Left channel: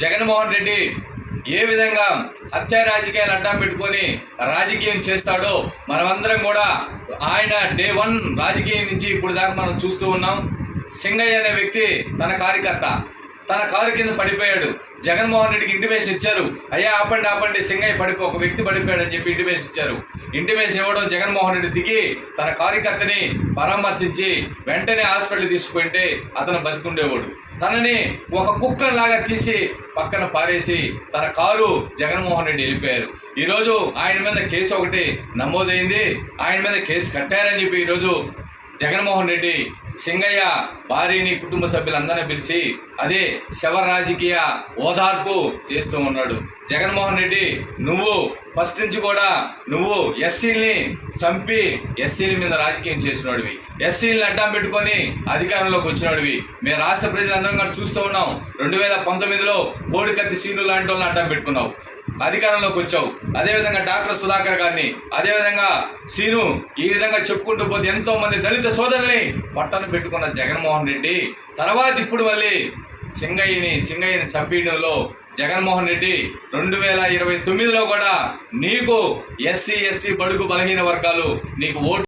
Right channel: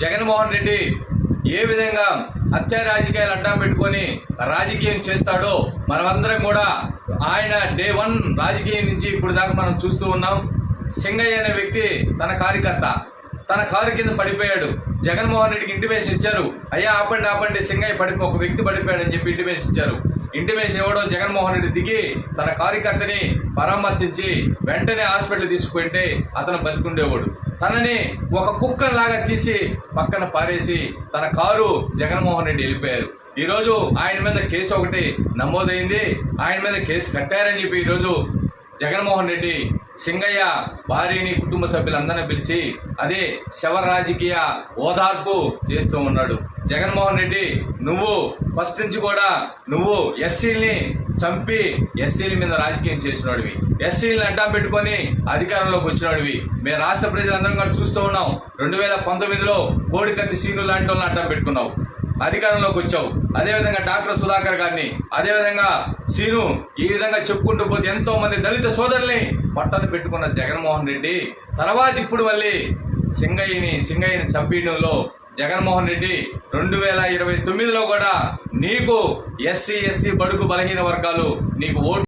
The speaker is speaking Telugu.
జగన్మోహన్ రెడ్డి ఏ విధంగా హత్యా రాజకీయాలు అడ్డం పెట్టుకొని రాజకీయం చేస్తాడో మనమందరం కూడా ఆయన డే 1 రాజకీయం నుంచి ఇప్పుడు దాకా మనం చూస్తూ ఉన్నాం. సింగయ్య అనే వ్యక్తి తన కార్యకర్త తన కారు కింద పడిపోయాడు. జగన్మోహన్ రెడ్డికి ఇంటిమేషన్ ఇచ్చారు, అయ్యా ఆపండి సింగయ్య ఒక వ్యక్తి పడిపోయాడు అని చెప్పి ఇంటిమేషన్ ఇచ్చారు. ఇంటిమేషన్ ఇవ్వడం జగన్మోహన్ రెడ్డి దిగి తన కార్యకర్తని పరామర్శించి వెంటనే హాస్పిటల్ తీసుకుంటే అతను బతికుండేవాడు. తనని ఒక కుక్కలాగా తీసి పక్కన పారేసి తన కారు జగన్మోహన్ రెడ్డి వెళ్ళిపోయారు. ఈరోజు ఆయన మీద కేసు ఒకటి నమోదైంది, ఆయన మీద కేసు కట్టారని చెప్పి ఈరోజు జగన్మోహన్ రెడ్డి సింగయ్య భార్యని కుటుంబ సభ్యులందరినీ పిలిచి అదే శవ రాజకీయ ఓదార్పు చేస్తూ ఉన్నాడు. జగన్మోహన్ రెడ్డి నువ్వు ఫస్ట్ నుంచి కూడా నువ్వు ఎస్సీల్ని చంపి ఎస్సీల మీద రాజకీయం చేసినోడివి, ఎస్సీలని అడ్డం పెట్టుకొని అధికారంలోకి వచ్చినోడివి. మేము రాష్ట్ర ప్రజలందరం కూడా చూస్తూ ఉన్నాం. 2019లో కోడికత్తి సీను లాంటి వాళ్ళని అడ్డం పెట్టుకున్నావు, అధికారంలోకి వచ్చావు. అదేవిధంగా డాక్టర్ సుధాకర్ గారిని, అదేవిధంగా సీను, ఈ విధంగా చెప్పుకుంటూ పోతే ఎంతో మంది దళిత సోదరుల్ని పట్టను పెట్టుకున్న జగన్మోహన్ రెడ్డి తర్వాత ఇప్పుడు మళ్ళీ సింగయ్యని చంపేయడంలో జగన్మోహన్ రెడ్డి 2029లో కూడా నీకు ఎస్సీ ఎస్టీ బడుగు బలహీన వర్గాలు నీకు ఓటు